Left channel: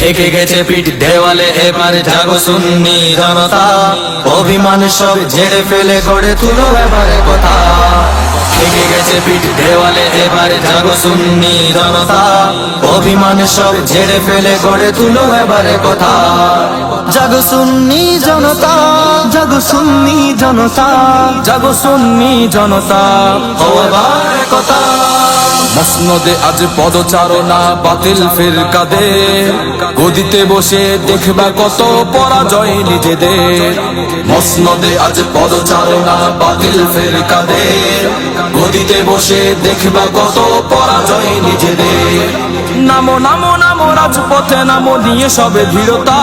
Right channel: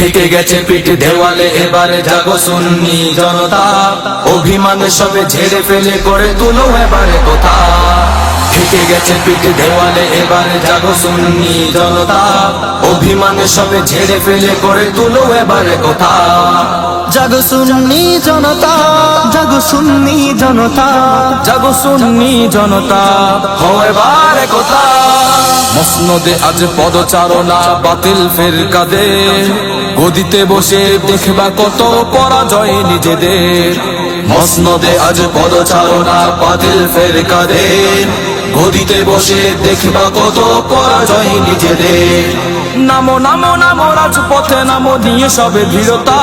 থেকে গেছে পিঠ দেওয়ালে, এবারে জাগো সুন্নি জনতা। অভিমানে সবে ঝেড়ে ফেলে গড়ে তুলো এবারে কথা। থেকে গেছে পিঠ দেওয়ালে, এবারে জাগো সুন্নি জনতা। অভিমানে সবে ঝেড়ে ফেলে গড়ে তুলো এবারে কথা। জাগো সুন্নি জনতা, জাগো সুন্নি জনতা, জাগো সুন্নি জনতা। ও এবারে কথা। মসনদে আজ পদচারণা বাতিল ফেরকাদের। গদিতে বসে দেখবা কত পরাজয় নিজেদের। মসনদে আজ পদচারণা বাতিল ফেরকাদের। গদিতে বসে দেখবা কত পরাজয় নিজেদের। নামো নামো নামো রাজপথে, নামো নিয়ে সবে ধীরতা।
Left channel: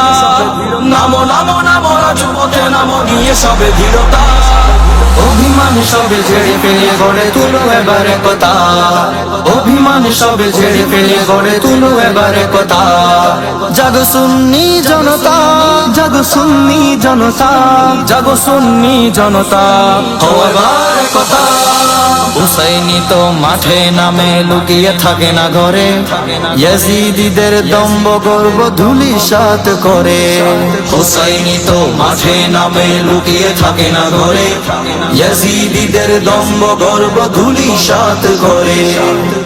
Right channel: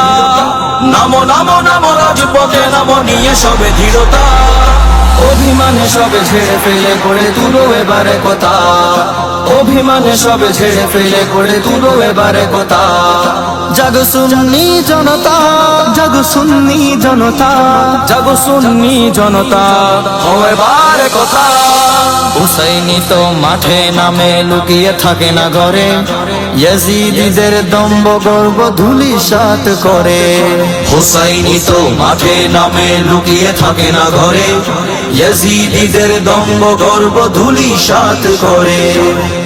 নামো নামো নামো রাজপথে, নামো নিয়ে সবে অভিমানে সবে ছেড়ে ফেলে গড়ে তুলো এবারে কথা। অভিমানে সবে ছেড়ে ফেলে গড়ে তুলো এবারে কথা। জাগো সুন্নি জনতা, জাগো সুন্নি জনতা, জাগো সুন্নি জনতা। এবারে কথা। হুসাইনি তো মাঠে নামে, লুকিয়ে থাকে না ঘরে। ইয়াজিদিদের দম্ব গর্ব ধুলি সাত করে। হুসাইনি তো মাঠে নামে লুকিয়ে থাকে না ঘরে। ইয়াজিদিদের দম্ব গর্ব ধুলি সাত করে।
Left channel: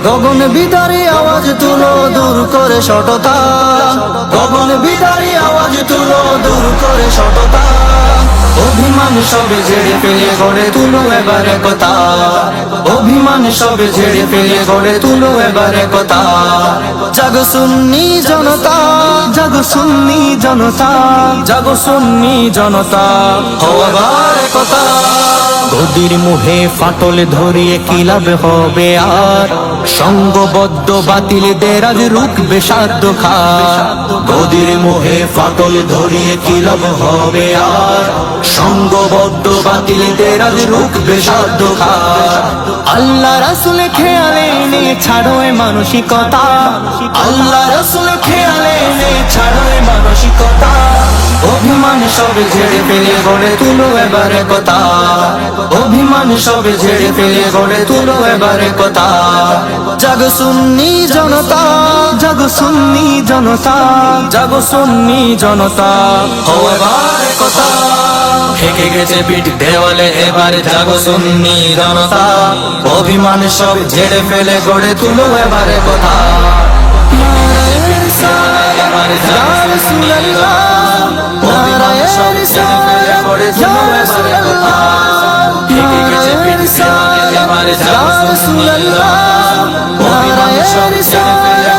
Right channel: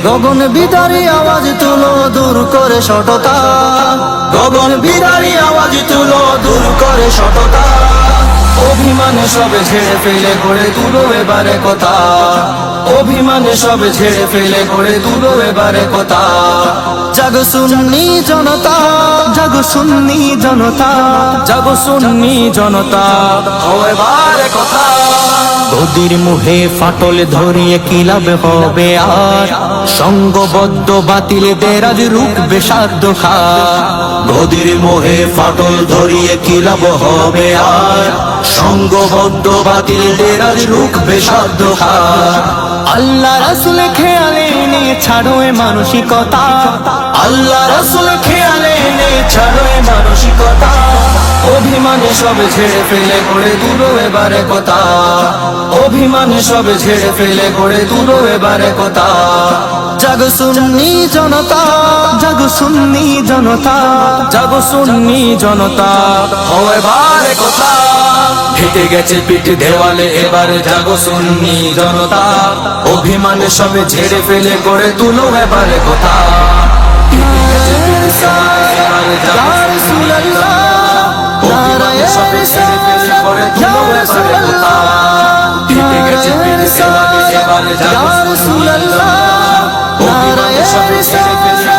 গগন বিদারি আওয়াজ তুলো দূর করে সটতা গগন বিদারি আওয়াজ তুলো দূর করে সটতা অভিমানে সবে ছেড়ে ফেলে গড়ে তুলো এবারে কথা। অভিমানে সবে ছেড়ে ফেলে গড়ে তুলো এবারে কথা। জাগো সুন্নি জনতা জাগো সুন্নি জনতা। জাগো সুন্নি জনতা কথা। গদির মুহে ফাটল ধরিয়ে কি লাভ হবে আর? সঙ্গবদ্ধ বাতিলদের আজ রুখবে সাধ্য খা গদির মোহে ফাটল ধরিয়ে কি লাভ হবে আর? সঙ্গবদ্ধ বাতিল ডেরাজ রুখবে সাধ্য খার আল্লাহ রাসুল খেয়ালে নে ছাড়ো এ মানসিকতা। আল্লাহ রসুল খেয়ালে নে ছাড়ো এ মানসিকতা। অভিমান সবে ছেড়ে ফেলে, গড়ে তুলো এবারে কথা। অভিমান সবে ছেড়ে ফেলে, গড়ে তুলো এবারে কথা। জাগো সুন্নি জনতা, জাগো সুন্নি জনতা, জাগো সুন্নি জনতা। ও এবারে কথা। ঠেকে গেছে পিঠ দেওয়ালে এবার যাব সুন্নি জনতা। অভিমান সবে ঝেড়ে ফেলে করে তুলু এবারে কথা। নারায়ণ সারা রাসূলুল্লাহ নারায়ণ সারা নারায়ণ সারা নারায়ণ সারা